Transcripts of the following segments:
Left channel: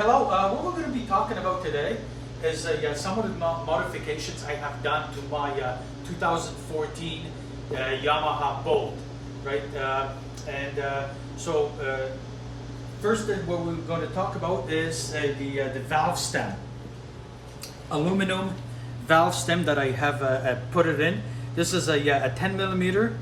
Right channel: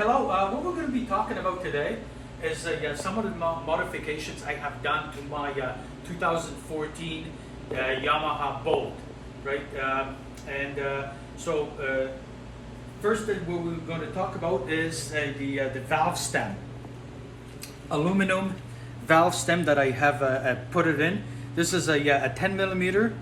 Hello. What we're going to be talking about today is some of the modifications I have done to my 2014 Yamaha Bolt, right? First thing what we're going to talk about is the valve stem, aluminum valve stem that I have put it in. This is a 10 millimeter,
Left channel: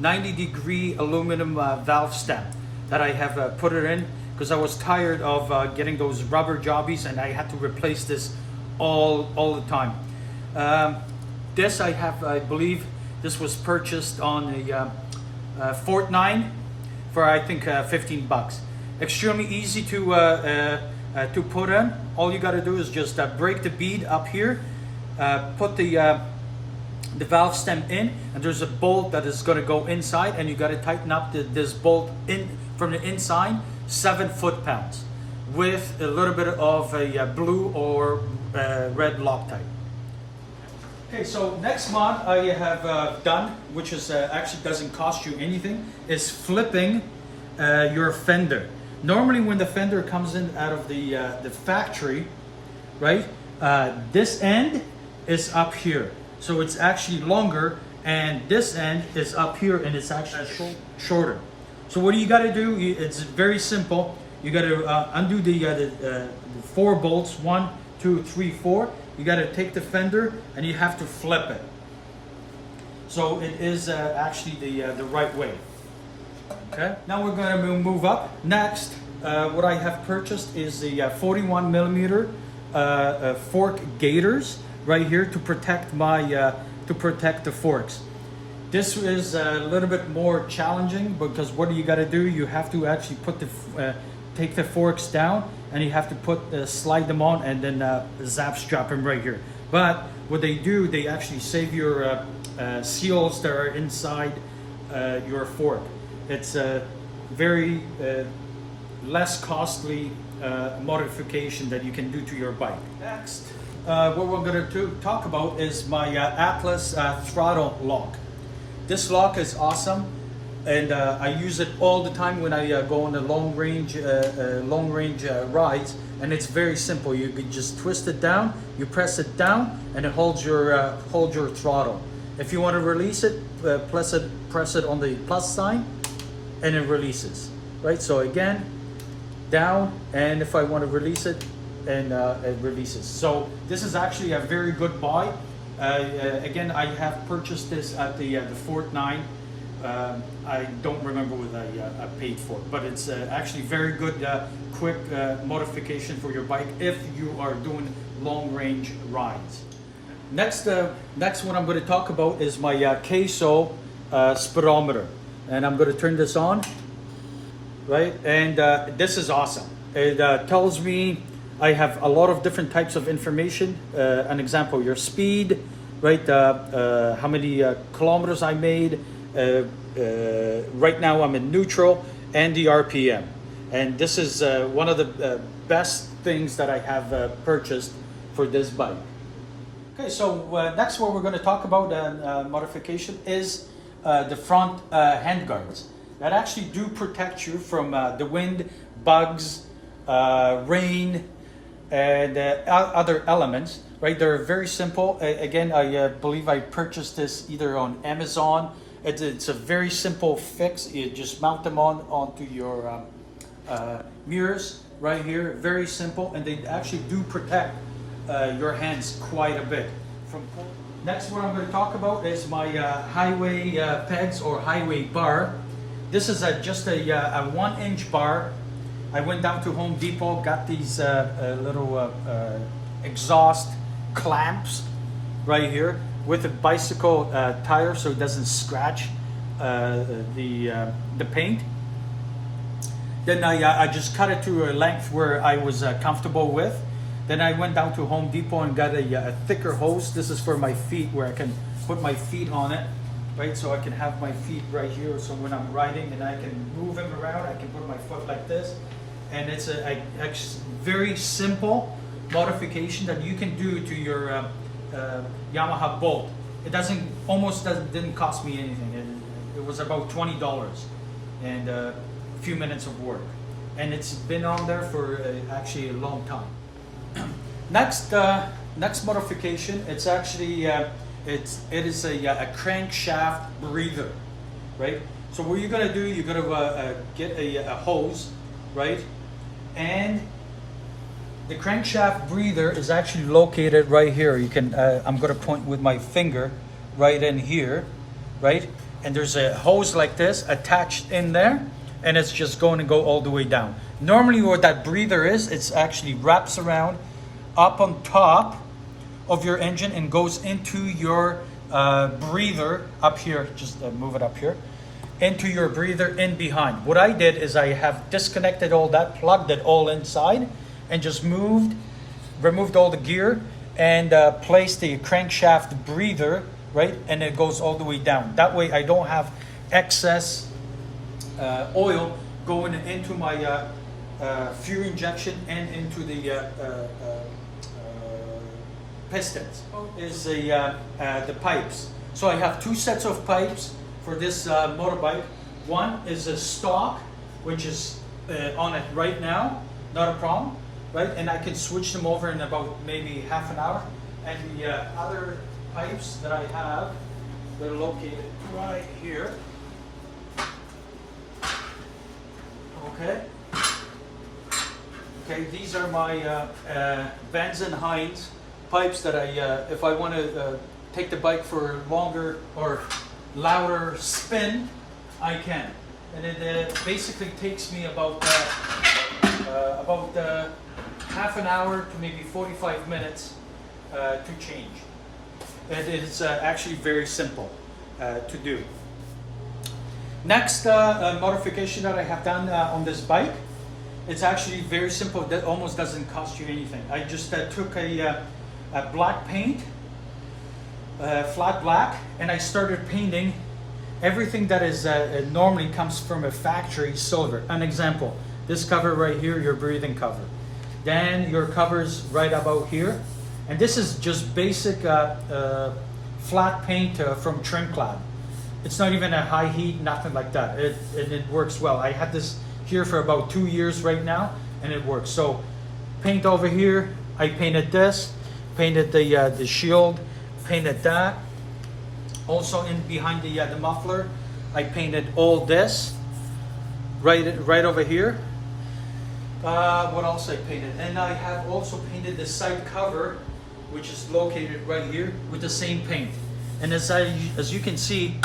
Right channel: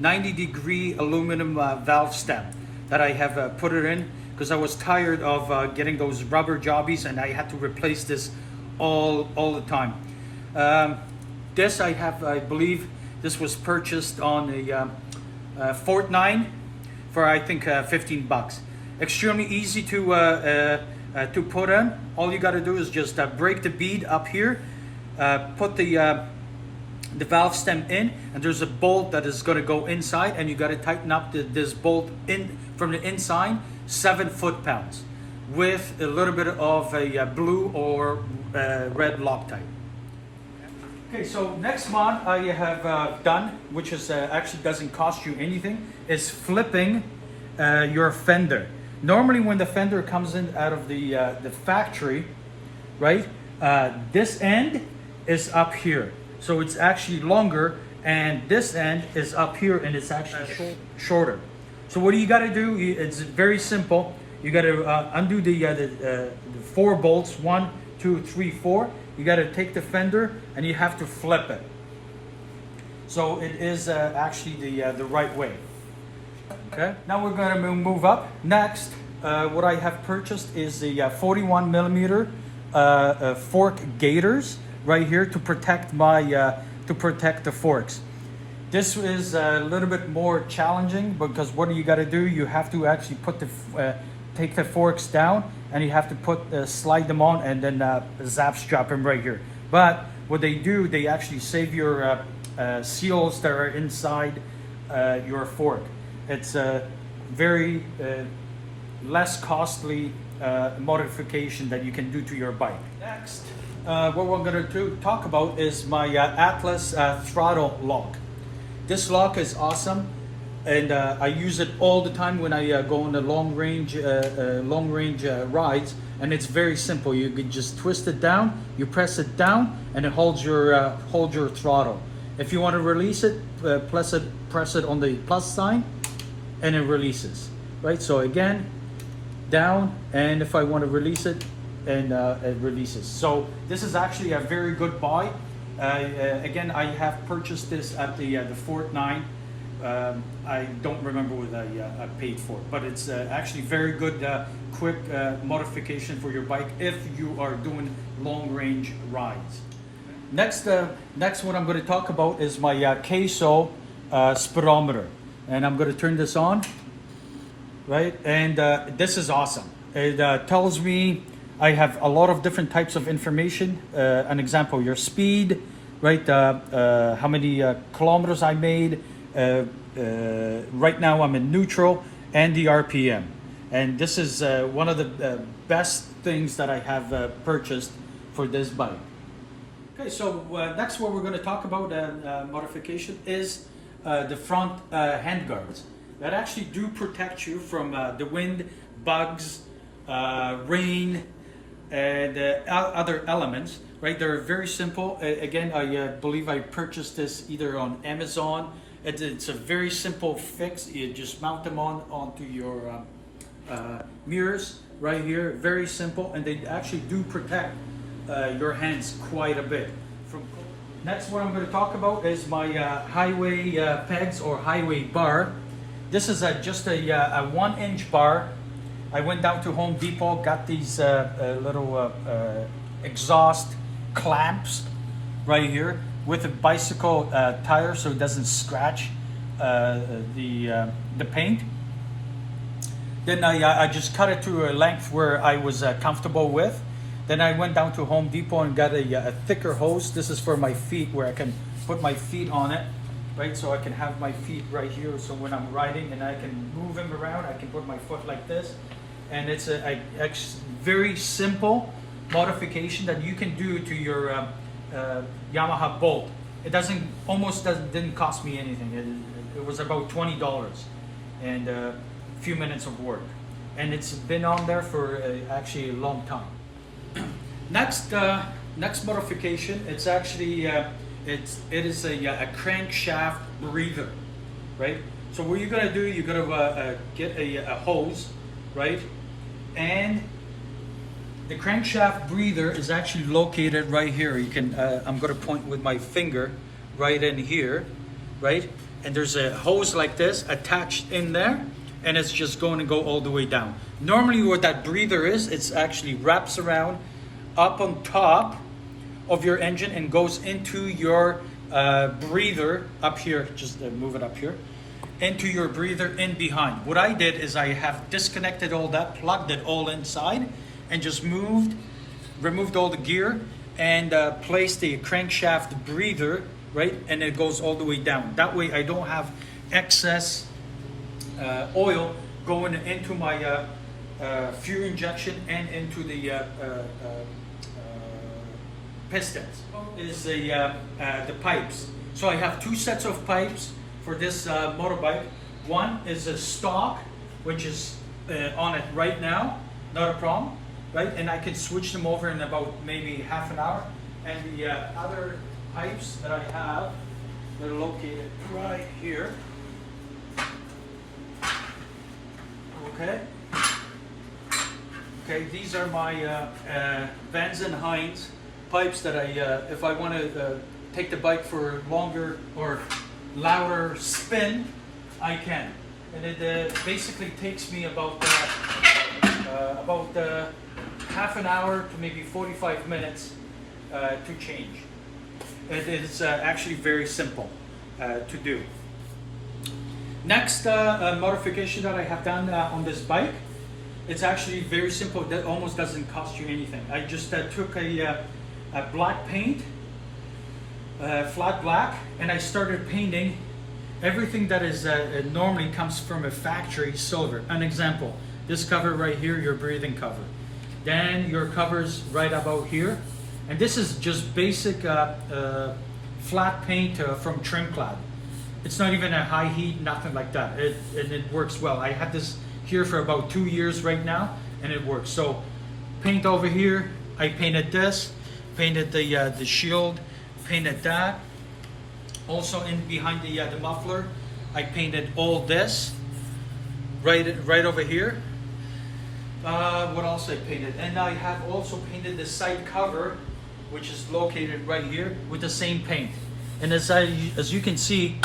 90-degree aluminum valve stem that I have put it in because I was tired of getting those rubber jobbies and I had to replace this all the time. This I believe this was purchased on the Fort 9 for I think 15 bucks. Extremely easy to put in. All you got to do is just break the bead up here, put the valve stem in, and there's a bolt that is going to go inside, and you got to tighten up this bolt in from the inside 7 foot-pounds with a little bit of a blue or red Loctite. Okay, so next mod I have done, which is actually doesn't cost you anything, is flipping your fender. Normally when the fender comes in out of the factory, right, this end is up here. So it's actually longer, and this end is up here, and it's actually shorter. So what do you got to do? It's very simple. You got to undo the 4 bolts, 1, 2, 3, 4. You got to take the fender, and you have to flip it. So it is actually the right way. Okay. Now we're going to move up. Next, what I have purchased is the 41 millimeter fork Gators right here to protect the forks. This is a little bit more challenging because what do you got to do? You have to actually put take the forks down, and you have to slide them on, and then zap strap them right here. But what they do, they actually save your seals that are inside your fork. It's a very less costly modification that you can do to your bike. Next, what we're going to talk about is my Atlas Throttle Lock. This lock is awesome, and I use it all the time when I go on the long range rides. And it's very simple. You can just twist it down, you press it down, and it holds your throttle. If you want to release it, press it on the plus sign, and it releases. Right. So again, down, and if I want to release it, and it releases. So this is actually a very good buy. Again, I have purchased this at the Fort 9. I don't remember what I paid for it, but it's actually very good, quick modification for your bike if you are doing long range rides. Next one I'm going to talk about is my Queso speedometer, and I'm going to turn this on. Right, and this is awesome. It tells me I have a lot of different types of information. An example, your speed, right? How many kilometers I made. Right now I'm in neutral, and the RPM. And this is one of the best things that I have purchased for this bike. Okay, so next what we're going to talk about modification is the front handguards that actually do protect you from the wind, bugs, rain, and other elements, right? They're very simple. Again, I believe I purchased this either on Amazon. It's a very simple fix. You just mount them onto your mirrors right here. Very simple, and they actually do protect your hands quite a bit from cold. Next, what I'm going to talk about is my highway pegs or highway bar. This is just a 1-inch bar. I went down to Home Depot, got these little exhaust clamps right here with a bicycle tire so it doesn't scratch the paint. Then I just cut it to a length where I was comfortable with. Then I went down to Home Depot and got a thicker hose. This is for my feet, where I can put my feet on it. Right, so I can have my feet right here, so when I'm riding and I can move them around, I can put my foot like this. And it's a very simple modification that you can do to your Yamaha Bolt. It didn't cost me anything. It was about $20 and a few minutes of work. and it's been on there for actually a long time. Next modification, it's actually it is a crankshaft breather, right? So what you're gonna do, you're gonna get a hose, right? And the crankshaft breather is actually located right here. You can I'm gonna point with my finger right in here, right? And there's a hose like this attached in there, and it's just going to go all the way down. Normally what that breather is, it's actually wraps around up on top of your engine and goes into your breather up here. Just move it up here, into your breather in behind. What I did is I have disconnected all that, plugged it all inside, and just removed all the gear and placed the crankshaft breather, right? And it goes all the way down. That way I don't have excess oil going into my fuel injection and into the pistons. Is the pipes. So I have two sets of pipes for this motorbike. One is a stock, which is on it right now, not a problem, right? And I can switch them over in about maybe half an hour. And the other pipes that I have, they're located right here. Okay. Okay, these are my Vans and Hines pipes that I, if I want to take the bike for longer or louder spin, I can. And it basically takes me about half an hour to maybe 45 minutes to change. It is actually very simple to do. Next modification that I have done on this bike, it's actually very simple. That almost doesn't cost you anything. I just took a black paint, flat black, and I started painting everything that is normally comes from a factory silver. An example, this cover right here, your breathing cover. Then your covers right about here. And this is just basic flat paint from Trimclad. It's not even a high heat, nothing like that. It works well. I had this here for about 2 years right now, and it works. So paint over here, I painted this, painted the shield, painted that. Also in behind the muffler, I painted all this right over here. What else I painted? And I have also painted the side cover, which is located right here, with the same paint. And as you can see,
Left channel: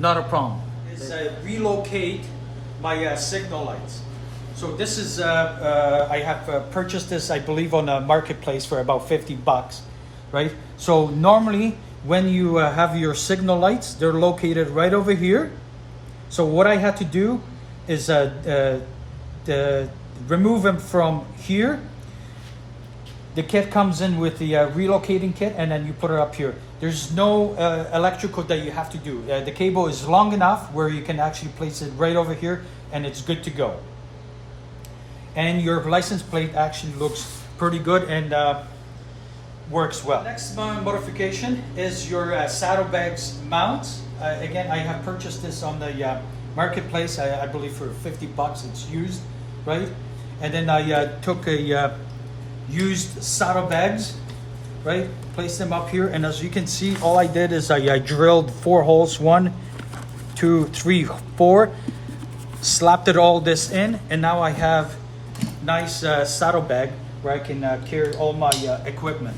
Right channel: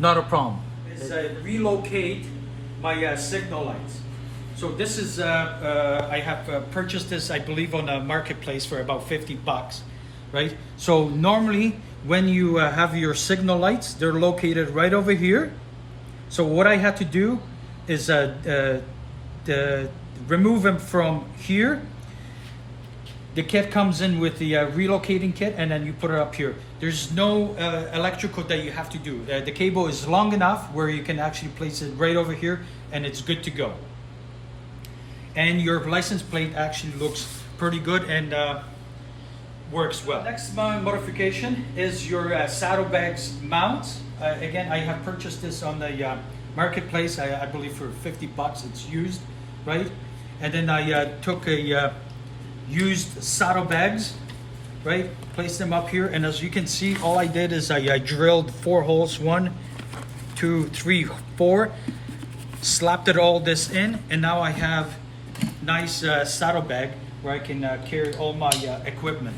not a problem. Is Relocate my signal lights. So this is I have purchased this, I believe, on a marketplace for about 50 bucks, right? So normally when you have your signal lights, they're located right over here. So what I had to do is remove them from here. The kit comes in with the relocating kit, and then you put it up here. There's no electrical that you have to do. The cable is long enough where you can actually place it right over here, and it's good to go. And your license plate actually looks pretty good and works well. Next modification is your saddlebags mounts. Again, I have purchased this on the marketplace, I believe for 50 bucks. It's used, right? And then I took a used saddlebags, right? Placed them up here, and as you can see, all I did is I drilled 4 holes, 1, 2, 3, 4, slapped it all this in, and now I have nice saddlebag where I can carry all my equipment.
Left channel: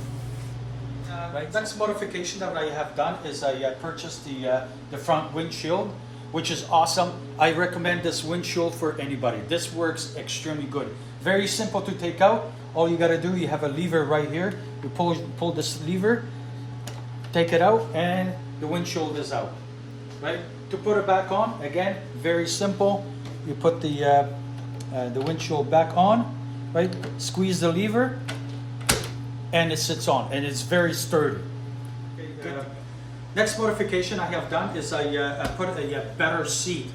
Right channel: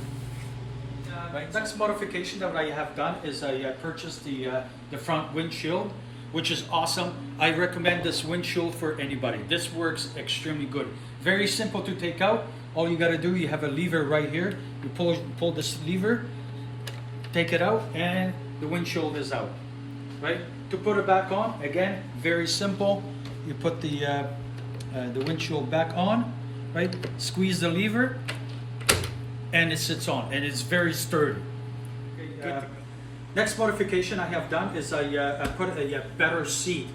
Right. Next modification that I have done is I purchased the front windshield, which is awesome. I recommend this windshield for anybody. This works extremely good. Very simple to take out. All you gotta do, you have a lever right here. You pull this lever, take it out, and the windshield is out. Right? To put it back on, again, very simple. You put the windshield back on, right? Squeeze the lever, and it sits on, and it's very sturdy. Okay, next modification I have done is I put a better seat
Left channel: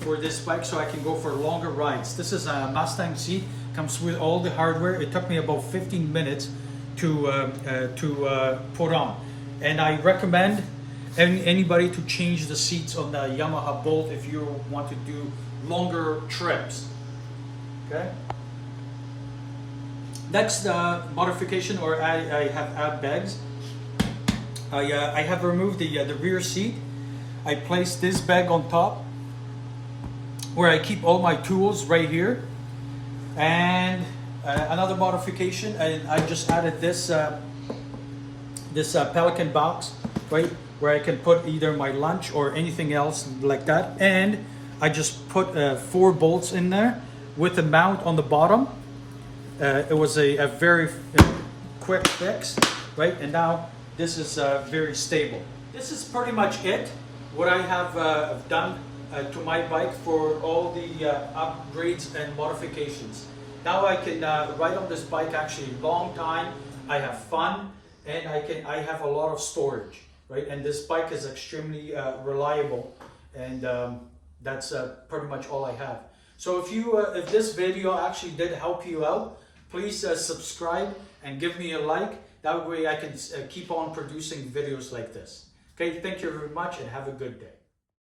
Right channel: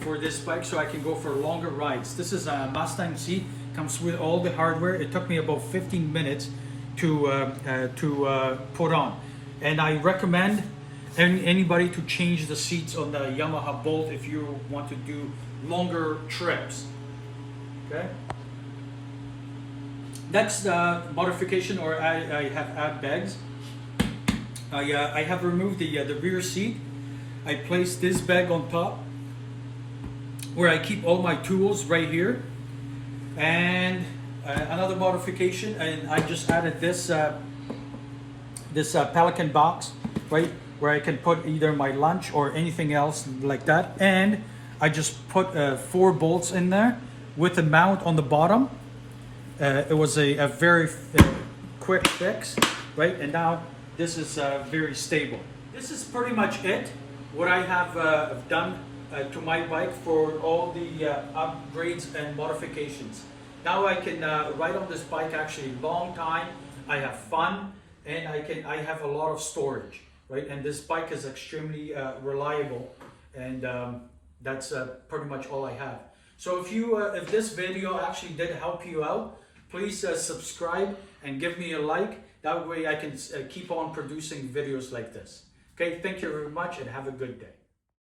for this bike so I can go for longer rides. This is a Mustang seat, comes with all the hardware. It took me about 15 minutes to put on, and I recommend anybody to change the seats on the Yamaha Bolt if you want to do longer trips. Okay. Next modification, or I have add bags. I have removed the rear seat. I placed this bag on top where I keep all my tools right here. And another modification, and I just added this Pelican box, right, where I can put either my lunch or anything else like that. And I just put 4 bolts in there with a mount on the bottom. It was a very quick fix, right? And now this is very stable. This is pretty much it, what I have done to my bike for all the upgrades and modifications. Now I can ride on this bike actually a long time. I have fun, and I have a lot of storage, right? And this bike is extremely reliable, and that's pretty much all I have. So if this video actually did help you out, please subscribe and give me a like. That way I can keep on producing videos like this. Okay, thank you very much and have a good day.